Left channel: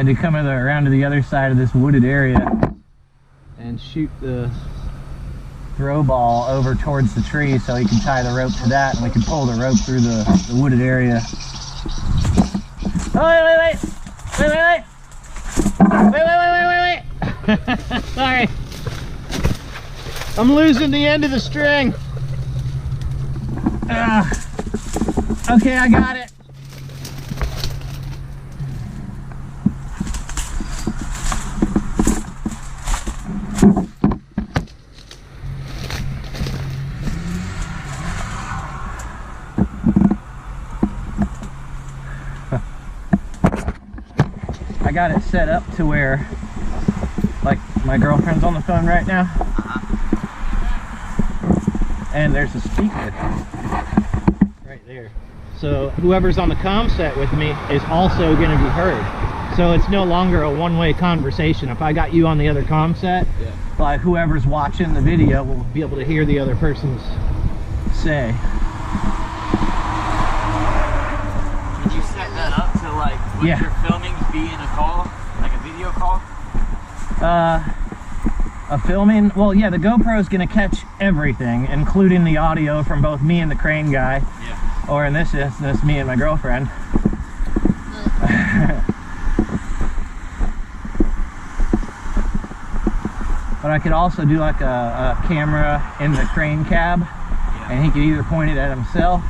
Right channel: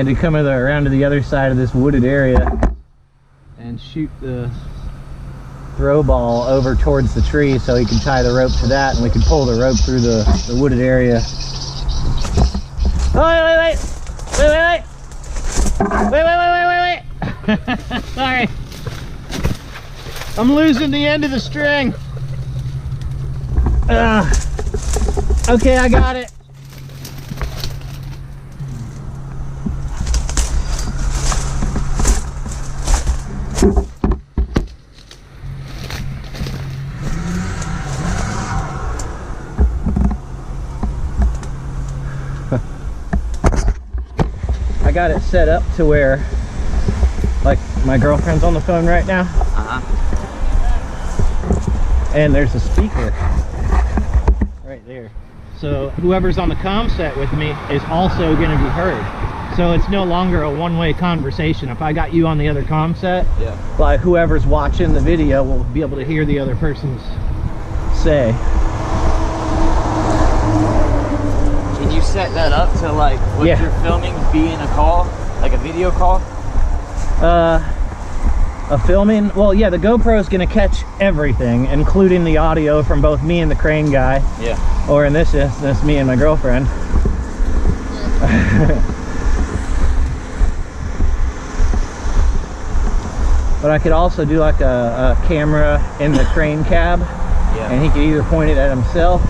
and to come around to the other side of this wooded area and shoot the throw ball over towards the tree so he can tie the rope to that, and we can pull the rope through the wooded area. Oh, wait. Sorry. I'm losing the end of the string. Okay, I got it. I got it set up to where, like, my girlfriend's on the phone right now. And there's a speaker right there. So whoever's on the comm set with me is also going to be heard. So it's no longer a one-way conversation. If I got you on the other comm set, yeah, like whoever's watching the video will be able to hear the other person's say. Can you set that up to, like, what you're filming be in a call, like a video call? A filming, well, yeah, the GoPro is going to catch everything, including the audio from both me and the crane guy. Yeah. Or in this instance, me and my girlfriend. But I could also do like a camera in the crane cab, and he could either point it at himself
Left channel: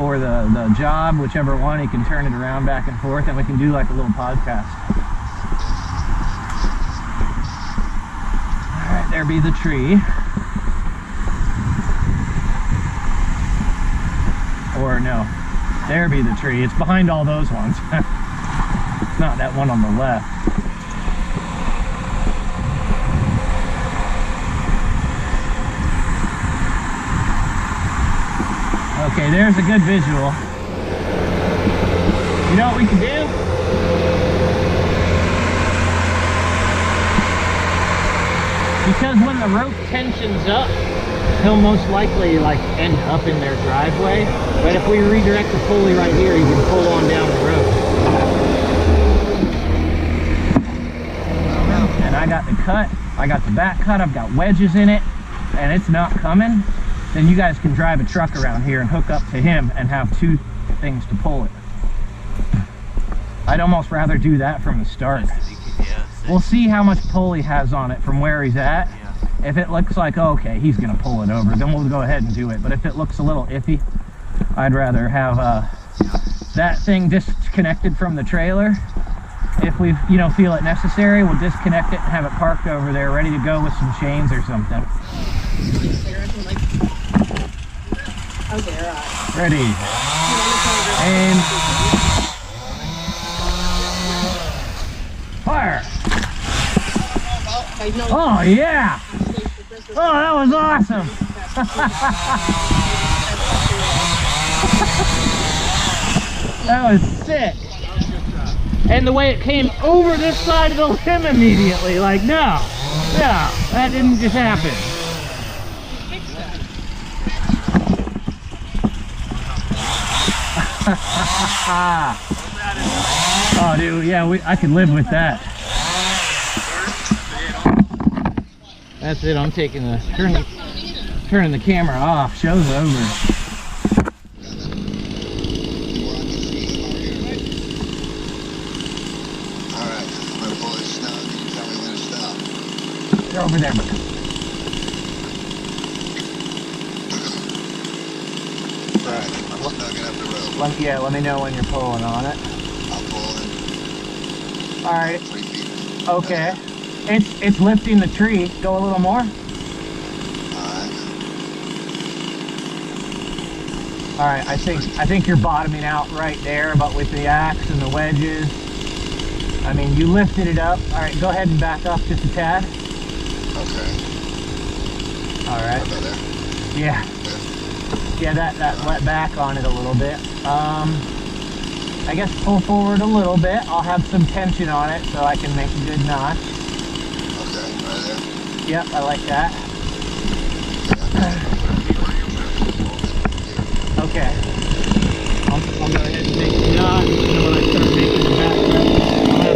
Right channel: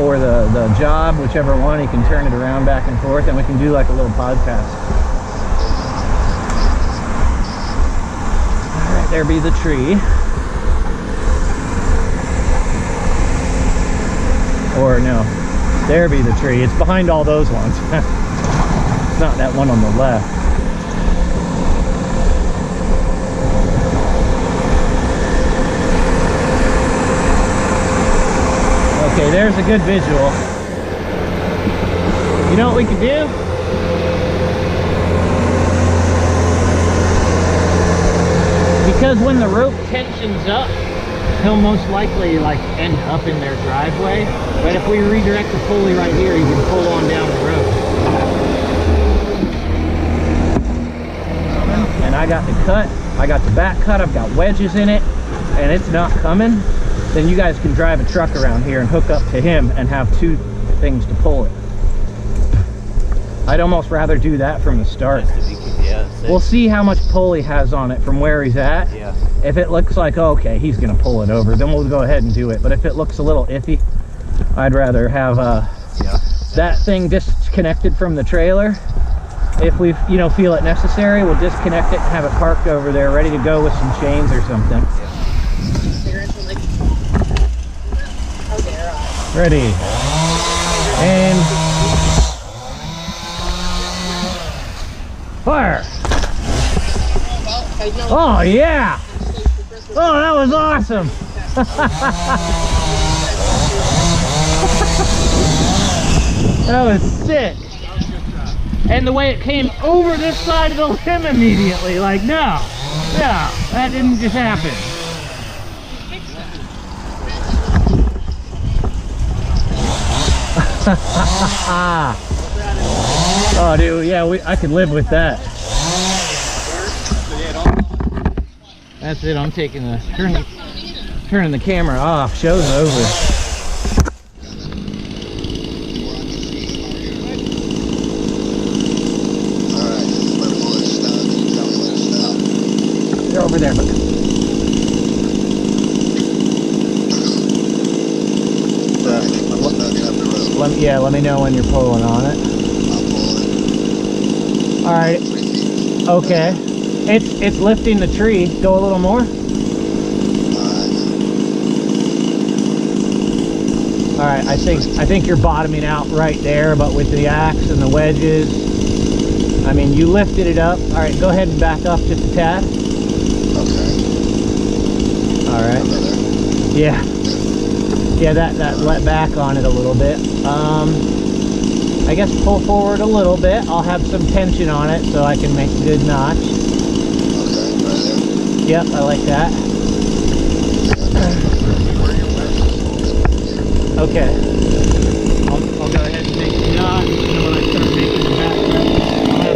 or the job, whichever one. He can turn it around back and forth, and we can do like a little podcast. All right, there be the tree. Or no, there be the tree. It's behind all those ones. It's not that one on the left. Okay, there's a good visual. You know what we can do? Because when the rope tensions up, he'll most likely like end up in their driveway. But if we redirect the pulley right here, you can pull on down the road. And I got the cut, I got the back cut, I've got wedges in it, and it's not coming. Then you guys can drive a truck around here and hook up to him and have two things to pull it. I'd almost rather do that from the start. We'll see how much pull he has on it from where he's at. Yeah. If it looks like, oh, okay, he's gonna pull it over, then we'll go ahead and do it. But if it looks a little iffy, I'd rather have that thing disconnected from the trailer. If we, feel it necessary, we'll disconnect it and have it parked over there, ready to go with some chains or something. Ready. And fire. Oh yeah. Oh, that was awesome. That was sick. And the way it came over this side of the limb immediately, like, no, that didn't just happen. Oh, dude, yeah, I could live with that. That's it. I'm taking turning the camera off. Show's over. They're over there, but. Let me know when you're pulling on it. All right. Okay. It's lifting the tree. Go a little more. All right. I think you're bottoming out right there, but with the axe and the wedges, I mean, you lifted it up. All right. Go ahead and back up just a tad. All right. Yeah. Yeah, that let back on it a little bit. I guess pull forward a little bit. I'll have some tension on it so I can make a good notch. Yep, I like that. Okay. I'll go ahead and make the knot, and when I start making the back cut, I'll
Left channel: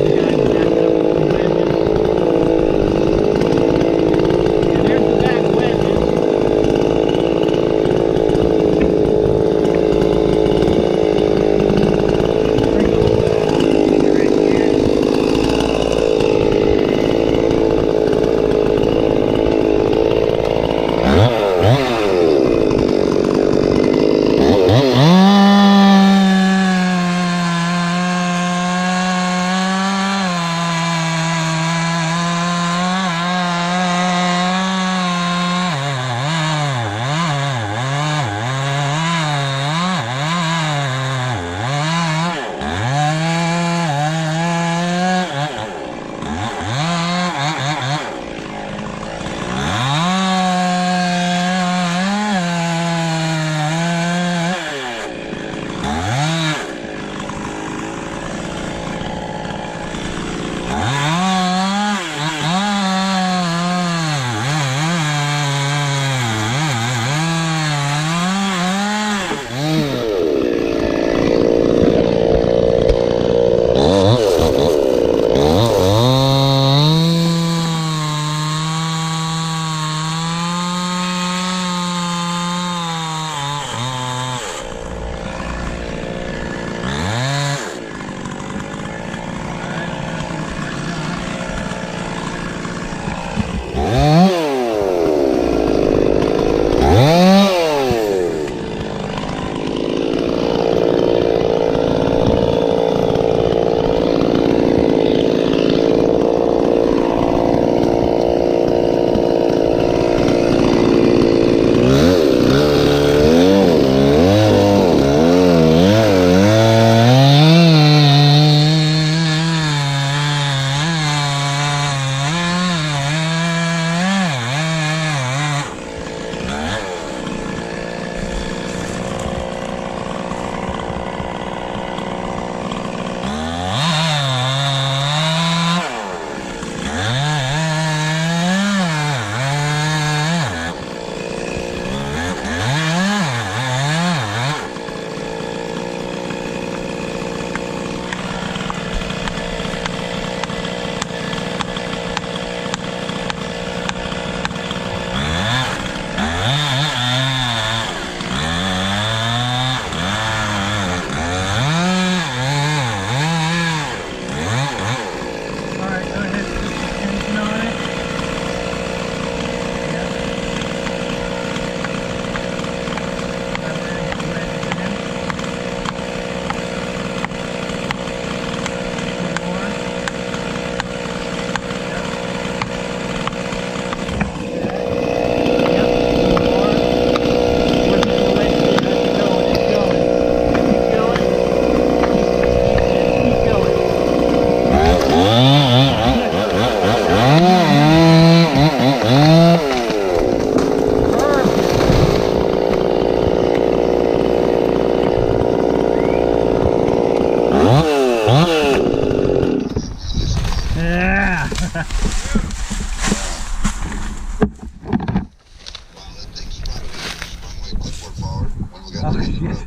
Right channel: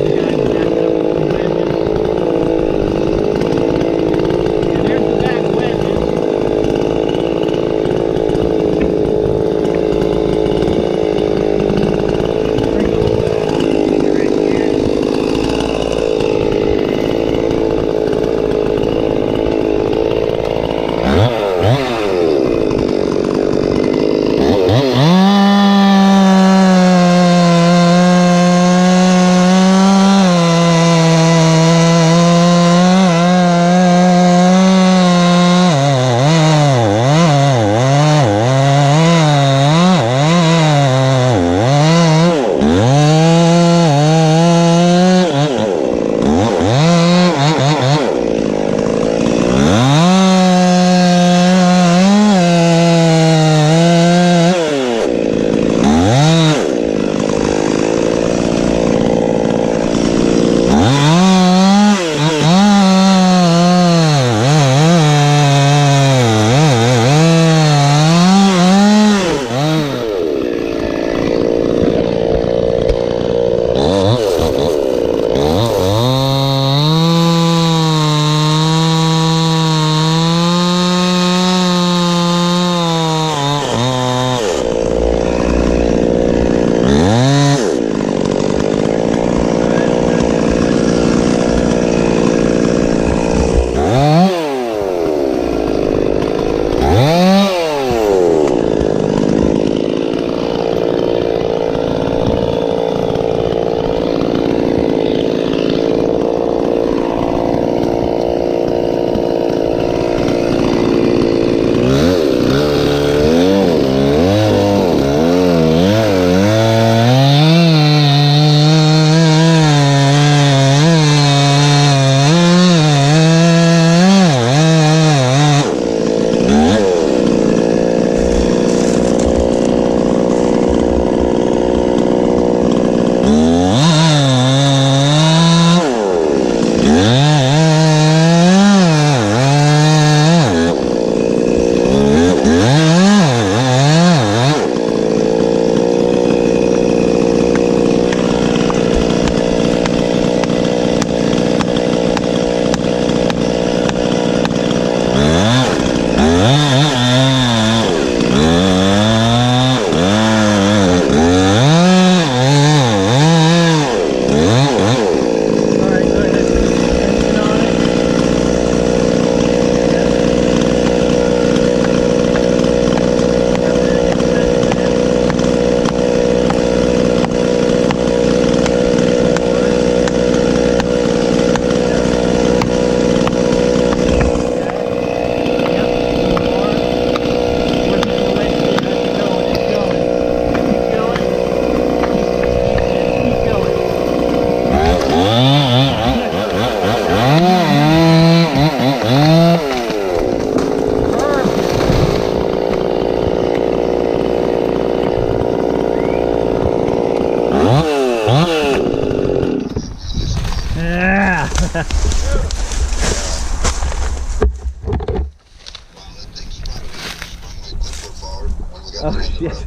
Oh shit.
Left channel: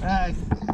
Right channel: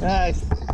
Nice.